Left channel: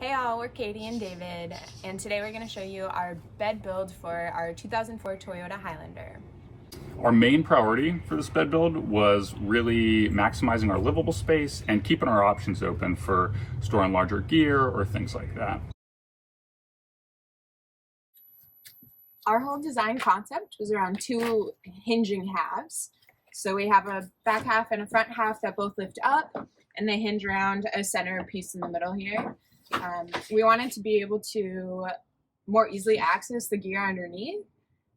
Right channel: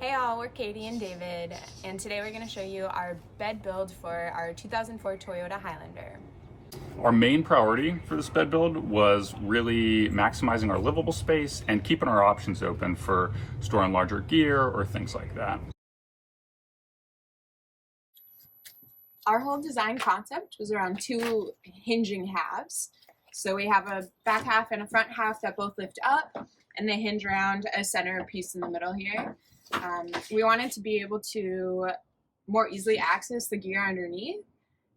Hey all, we're Katie and David, and today we're going to show you our bed build for our 2004 Toyota Highlander. Our main priority for this bed build was really maximizing our livable space and keeping our options open for storing larger gear or things like that. Our whole design concept was around two hinging halves. So we have a back half and a front half that both lift up, and they hinge around a center piece in the middle here. We wanted to be able to more easily access the gear underneath.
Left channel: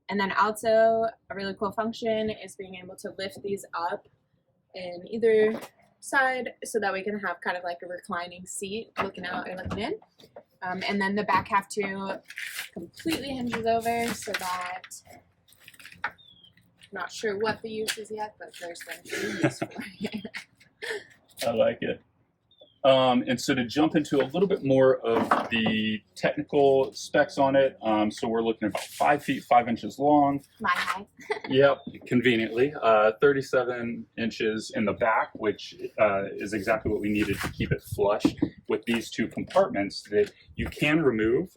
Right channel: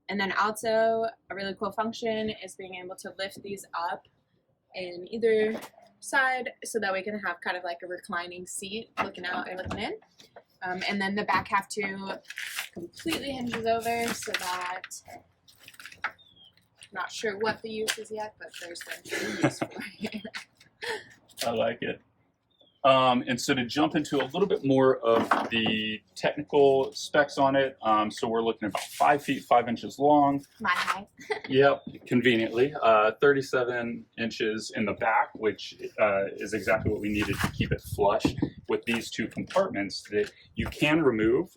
And then also a really cool function is being able to lift these up in either side so that we can have kind of like a reclining seat looking out or looking in. And then the back half too completely hinges over so that, I'm not sure what the use is yet, but there's going to be use for it. I like it. And so to jump into a little bit more of the technical specs on it, so we're looking at about 5 feet 5 inches long. My height. Yep, conveniently. 37 inches in the back, which is exactly what we needed to keep it flush with these two compartments that you can remove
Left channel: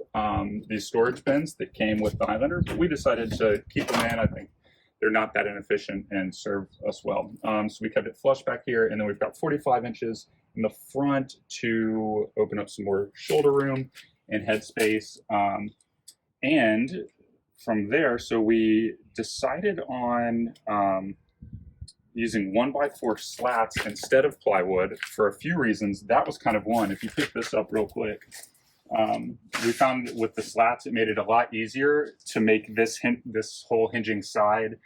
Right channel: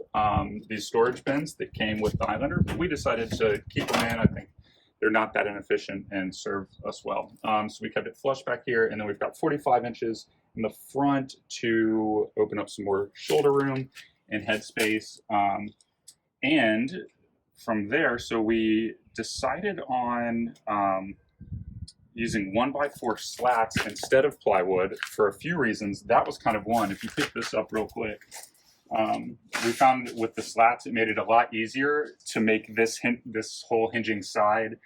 these storage bins that came with the Highlander, but we decided to keep them in. I think they're not that inefficient and serve us well. So we kept it flush back here, and then we've got 45 inches in the front to open up some more shoulder room and headspace. And from there, so we decided on using 1x4 slats instead of plywood for a few reasons. That was kind of one. If you pick this up real quick, we found that with the slats, it made it a lot easier to make this whole hinging side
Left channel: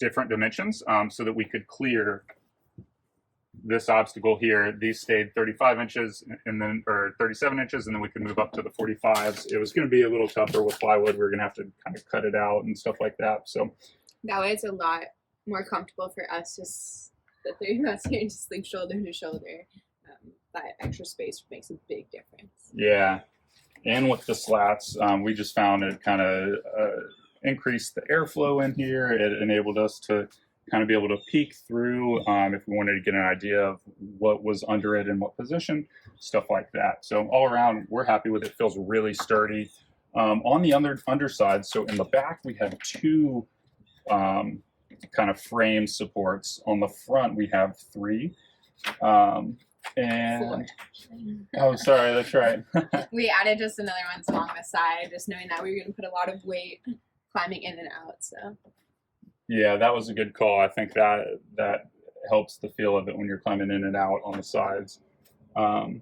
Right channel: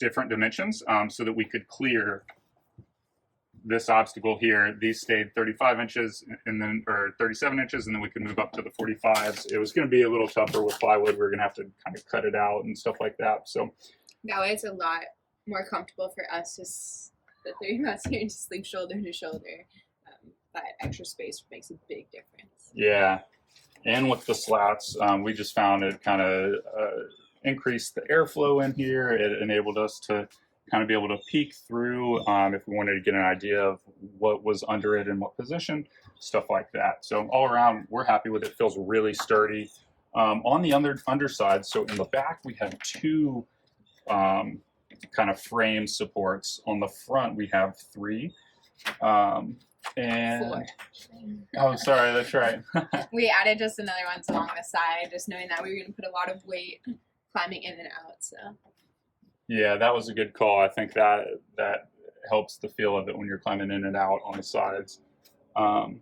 different dimensions, so that we could clear this obstacle here. These stayed 35 inches and then, or 37 inches, and then we could move up to the 45s. It was going to be a little tougher with plywood. We're going to have to kind of cut it out and stuff like that. So that way it's a lot more comfortable for us, just the three of us here to sleep shoulder to shoulder. That extra space makes a big difference. Yeah, and with the slats, we just found it kind of increased the airflow in here. It enabled us to kind of be able to peek through if we wanted to get an idea of what was under it and what position, stuff like that. So all around, we're happy with it. It feels really sturdy. On the underside, so in the back, we have two kind of frame supports. On the front, we have three. And four. Oh, sorry, that's right. We added just another one along the side, just knowing that we were going to put a lot of weight climbing in and out. So yeah, that was a good call. I think that helps the feel of it when you're climbing in and out on the sides. And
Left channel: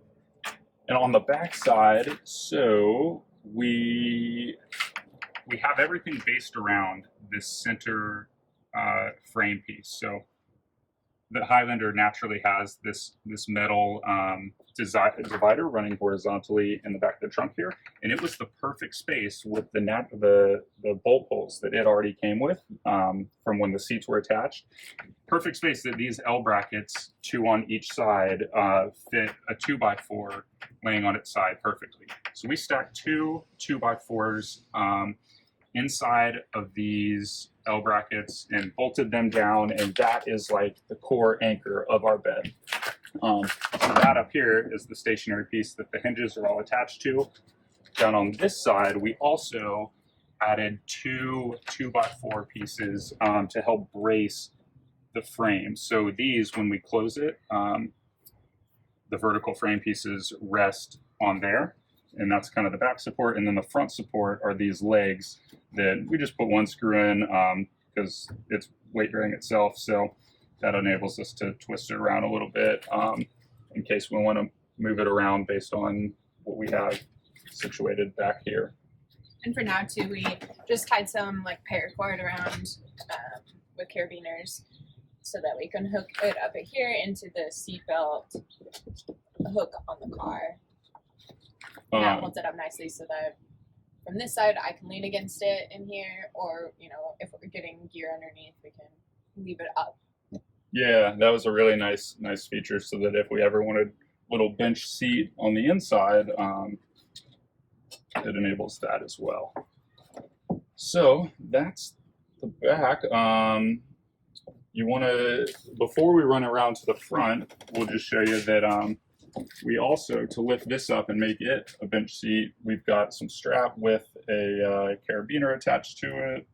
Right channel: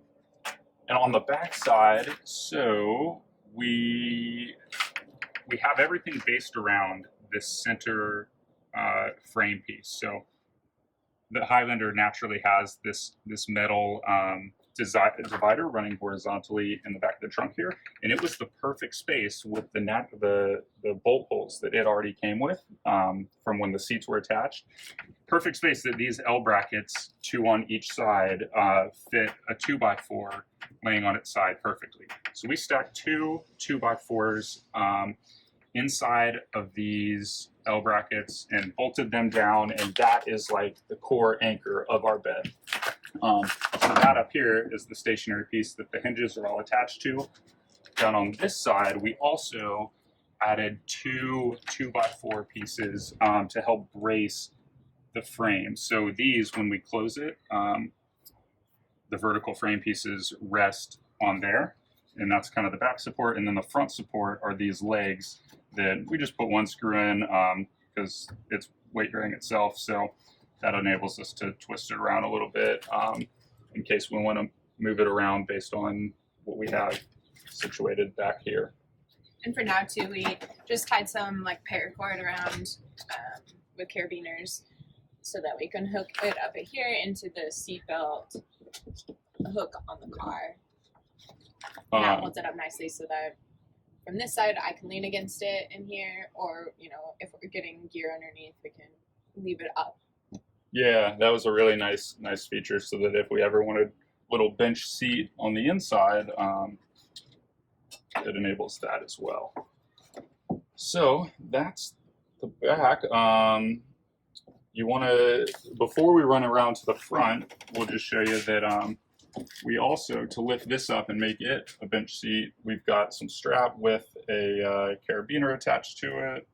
on the back side, so we have everything based around this center frame piece. So the Highlander naturally has this metal divider running horizontally in the back of the trunk here, and it was the perfect space with the bolt holes that it already came with from when the seats were attached. Perfect space that these L brackets, two on each side, fit a 2x4 laying on its side perfectly. So we stacked two 2x4s inside of these L brackets and bolted them down, and that is like the core anchor of our bed. So that up here is the stationary piece that the hinges are all attached to. Down on this side, we also added two 2x4 pieces to help brace the frame. So these, when we close it, the vertical frame pieces rest on there, and that's kind of the back support. And then the front support are these legs that we just put one screw in because it's weight bearing itself. So that enables us to twist it around a little bit in case we want to move it around based on what we have situated back here. And for now too, we just tied some like paracord around with carabiners so that we can hook it up here into the seatbelt hook on the car. And that holds it up nicely so that from this side I can lean against it in here, or if we're getting gear underneath, we can leave it up. Yeah, that was a really nice feature, so that if we ever wanted a little bench seat on the inside, it enables that as well. So that's the back. You want to, before we run around to the front, we'll just show you that we also, to lift this up and make it a bench seat, we've got some strap with a carabiner attached to it.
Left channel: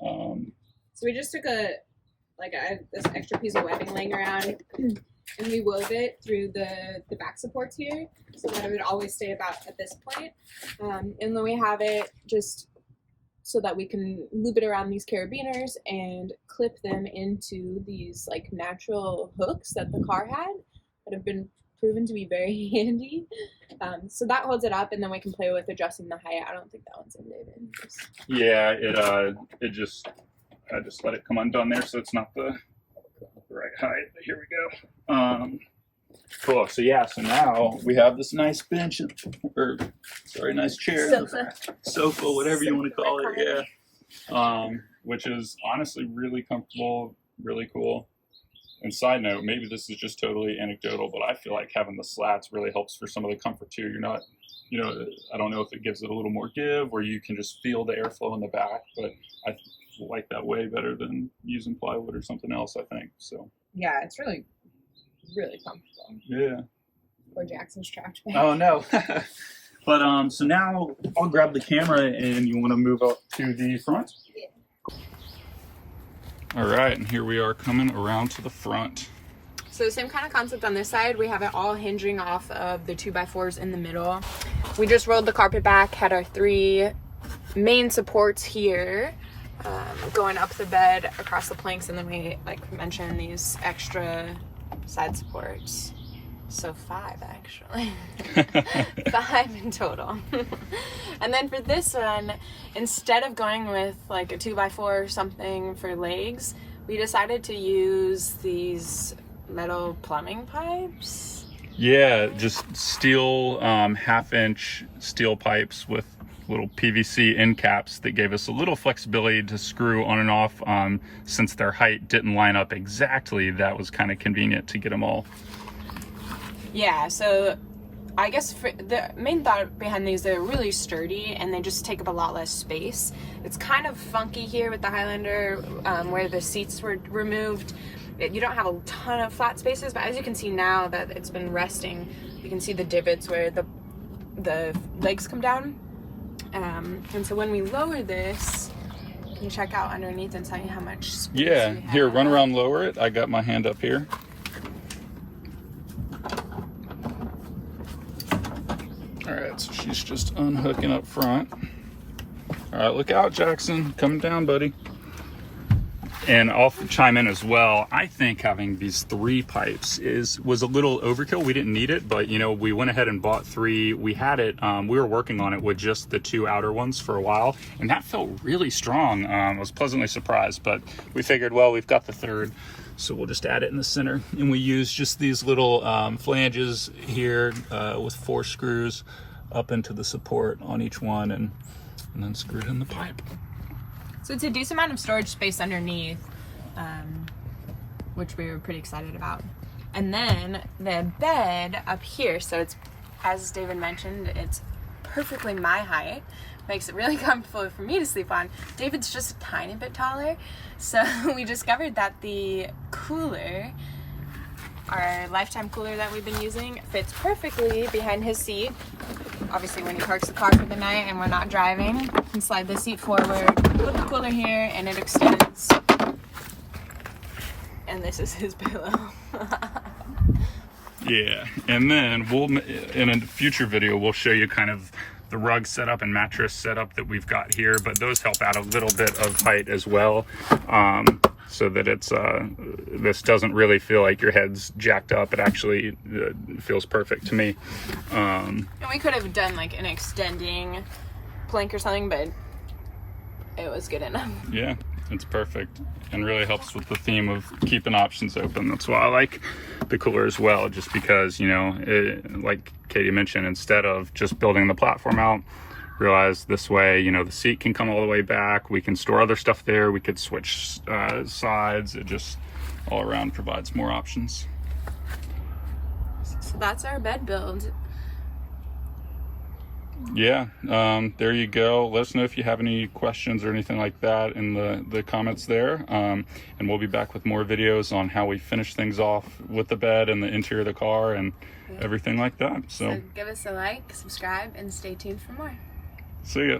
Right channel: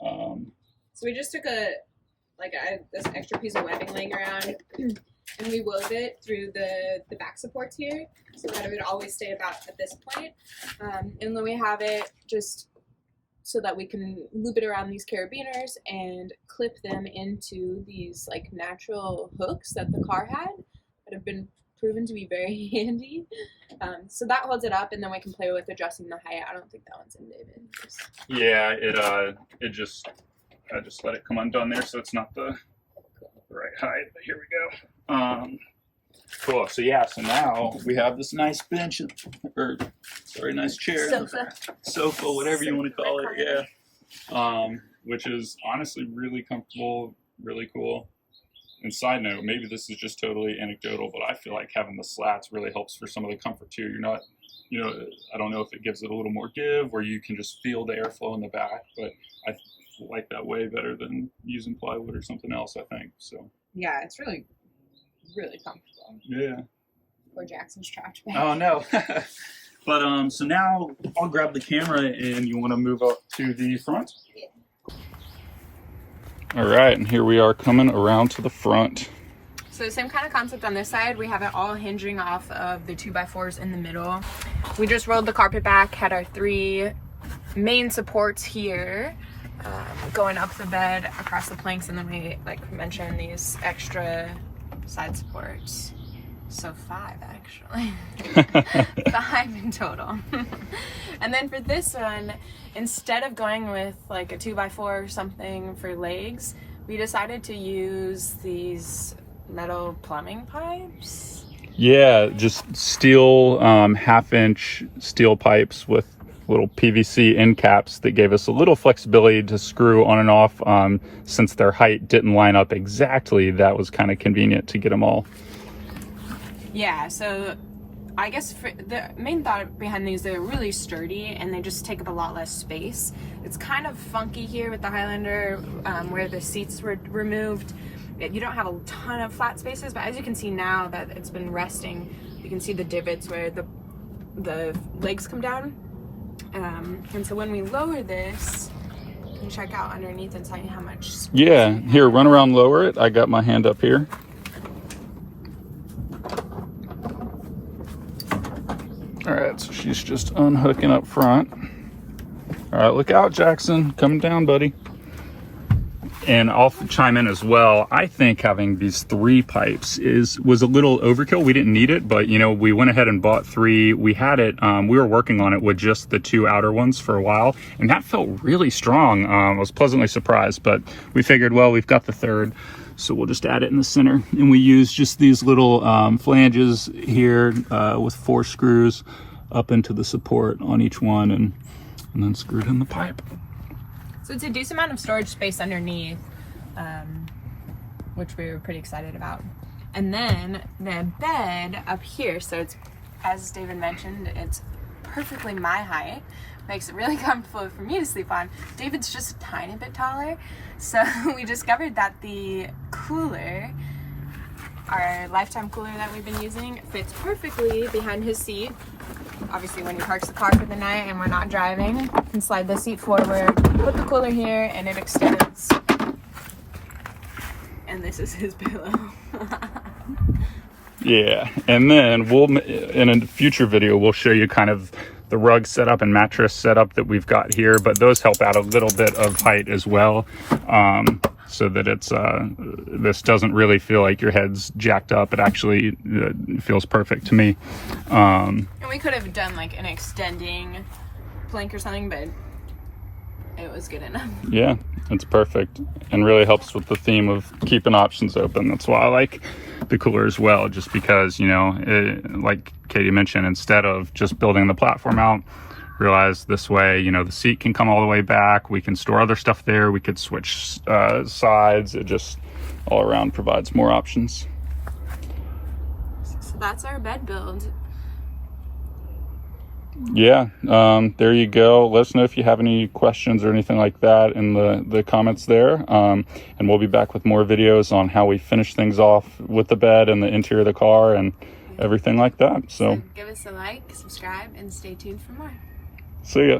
So we just took this extra piece of webbing laying around, and we wove it through the back supports here, so that it would always stay about at this point. And then we have it just so that we can loop it around these carabiners and clip them into these like natural hooks that the car had that have been proven to be very handy. So that holds it up, and then we can play with adjusting the height. I don't think that one's in, David. Yeah, I just let it come undone there, so it's not the right height. But here we go. Cool. So yeah, so now we have this nice bench, or sorry, nice chair, sofa, whatever you want to call it. Yeah. Which is honestly really comfortable, really cool. And side note, maybe this is just totally anecdotal, but I feel like having the slats really helps for some of the comfort too. You're not, I don't know if it gives it a little more give, or you can just feel the airflow in the back, but I like that way better than using plywood or something else, I think. So yeah, it's really, really comfortable. Yeah. Poor Jackson's trapped back. Oh no. But so now I'll grab the camera, and you want to move up to the front? Yeah. All right, and here we are coming around to the front. So same kind of concept on this side. We have it all hinging off of the 2x4s in the middle. We just rolled the carpet back, had our 3 main supports here, going up the bed, across the planks, and then we, like mentioned, these extra side supports. So 5 actually. 5 in total. And then for this one, instead of going with like a 2x4 or something for legs, we decided to use these metal plumbing pipes. Yeah, just steel, 1/2-inch steel pipes with little PVC end caps that gave us a little flexibility to screw on and off. Since their height didn't line up exactly, that was kind of convenient to get them all. Yeah, so I guess for the main thought behind these, they're really sturdy and they just take up a lot less space. It's kind of funky here with the Highlander, where the seats were removed. You don't have a ton of flat spaces, but as you can see now that it's been resting, you can see the divots where the legs come down. And so when we lower this, you can check out underneath and tell you how much space. Yeah, here, run around, lower it. I got my hand up here. All right, so she's just unhooking up front. All right, look out, Jackson. Coming down, buddy. And I'll chime in as well. I think having these 3 pipes was a little overkill. We didn't need it, but we went ahead and bought 3. We had it, we were working on it with just the 2 outer ones for a while, and that felt really strong. I was pleasantly surprised, but we figured, well, we've got the 3rd, so we'll just add it in the center. And we use just these little flanges here with 4 screws up into the support on each one, and then screwed in the pipe. So it's a decent amount of storage space underneath, which we were pretty excited about. And then the bed up here, so it's, as David mentioned, it's perfectly my height. Makes it really comfortable for me to sleep on. David's just a tiny bit taller. So we discovered that the cooler, our lifetime cooler that we've been using, fits perfectly behind his seat. Obviously when he parks the car for the night and we're not driving, you can slide the seat forward, put the cooler here, and it extends. And this is his pillow. Yeah, and then in a future video, we'll show you kind of the rug setup and mattress setup that we've got here, but those help out a little bit of height as well, so that it's this doesn't really feel like your head's jacked up. It actually feels perfect to me. And we could have done like an extending plank or something, but it was good enough. Yeah, it's perfect, and really helps with the theme of keeping options open. That's why I like the cooler as well, just because, like Katie mentioned, instead of just building the platform out, realize this way, the seat can come all the way back. We can store other stuff there. We could switch sides. It just all around provides more options. So that's our bed build. Yeah, there you go. Let us know if you have any questions or anything like that in the comments there. And we'll be back with more videos on how we finish things off with the bed and the interior of the car, and everything like that. So give us a like, subscribe, and stay tuned for more. see ya.